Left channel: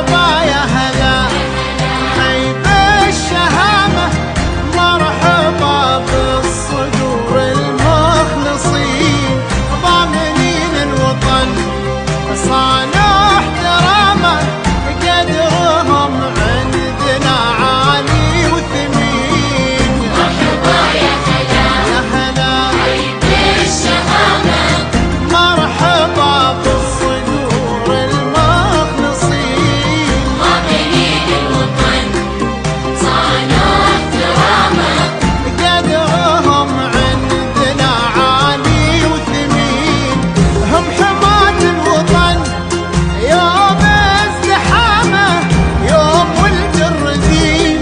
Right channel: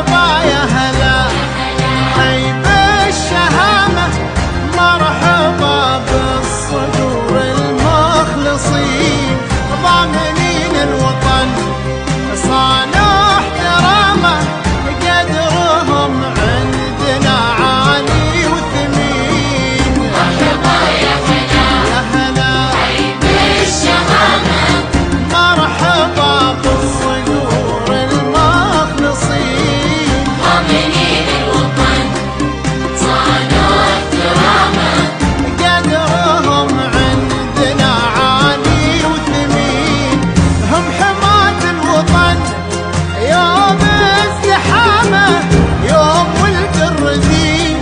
مرحبا يا هلا حي بالشهامة، مرحبا بالصدور المخلصين ضامنين الوطن صانوا احترامه، قدرهم عندنا عالي وثمين. مرحبا يا هلا بالشهامة، مرحبا بالصدور المخلصين ضامنين الوطن صانوا احترامه، قدرهم عندنا عالي وثمين. هم حماة الوطن يوم ازدحامه، يوم ولد الرزين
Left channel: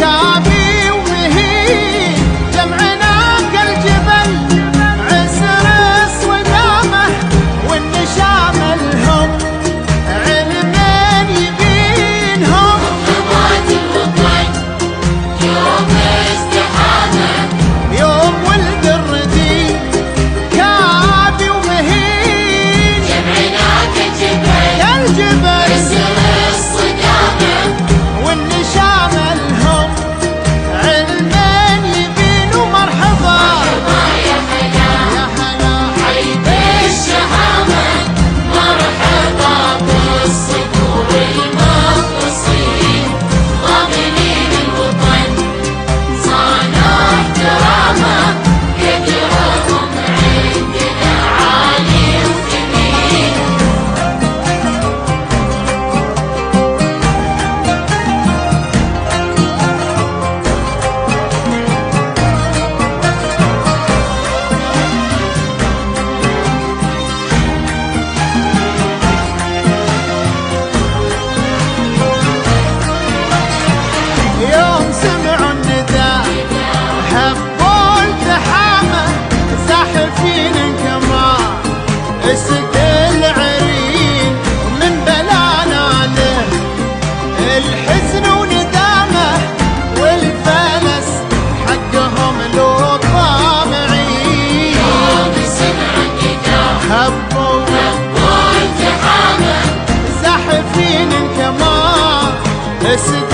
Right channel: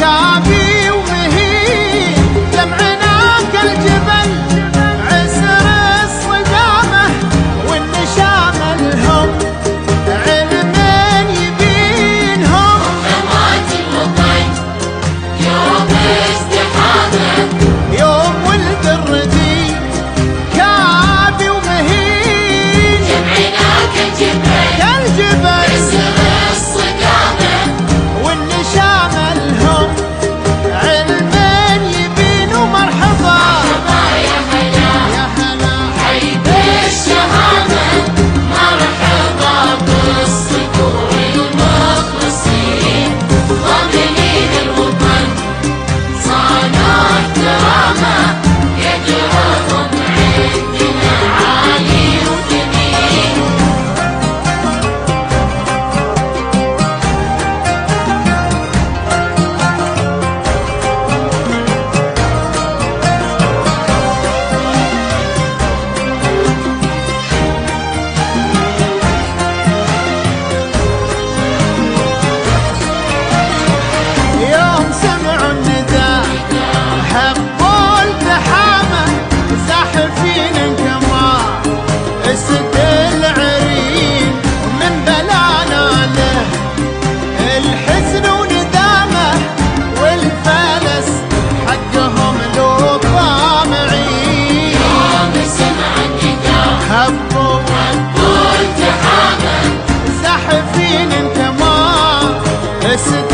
كابي ومهين، جمعنا كالجبل عسر الصدامه، والنشامه لهم علمين يبينهم. حماة الوطن يوم ازدحامه، يوم ولد الردين كابي ومهين، جمعنا كالجبل كالجبل عسر الصدامة، والنشامه لهم علمين يبينوا. مرحبا يا هلا حي بالشهامة، مرحبا بالصقور المخلصين ضامنين الوطن صانوا احترامه، قدرهم عندنا عالي وثمين. يوم سمعوا النداء هبوا التحامه، زاحفين انكمار اسد العرين، ومن بلانا له الحزن وندامه، والفلس حقهم لو طامعين. يوم سمع النداء هبوا والتحامة، زاحفين انكمار اسد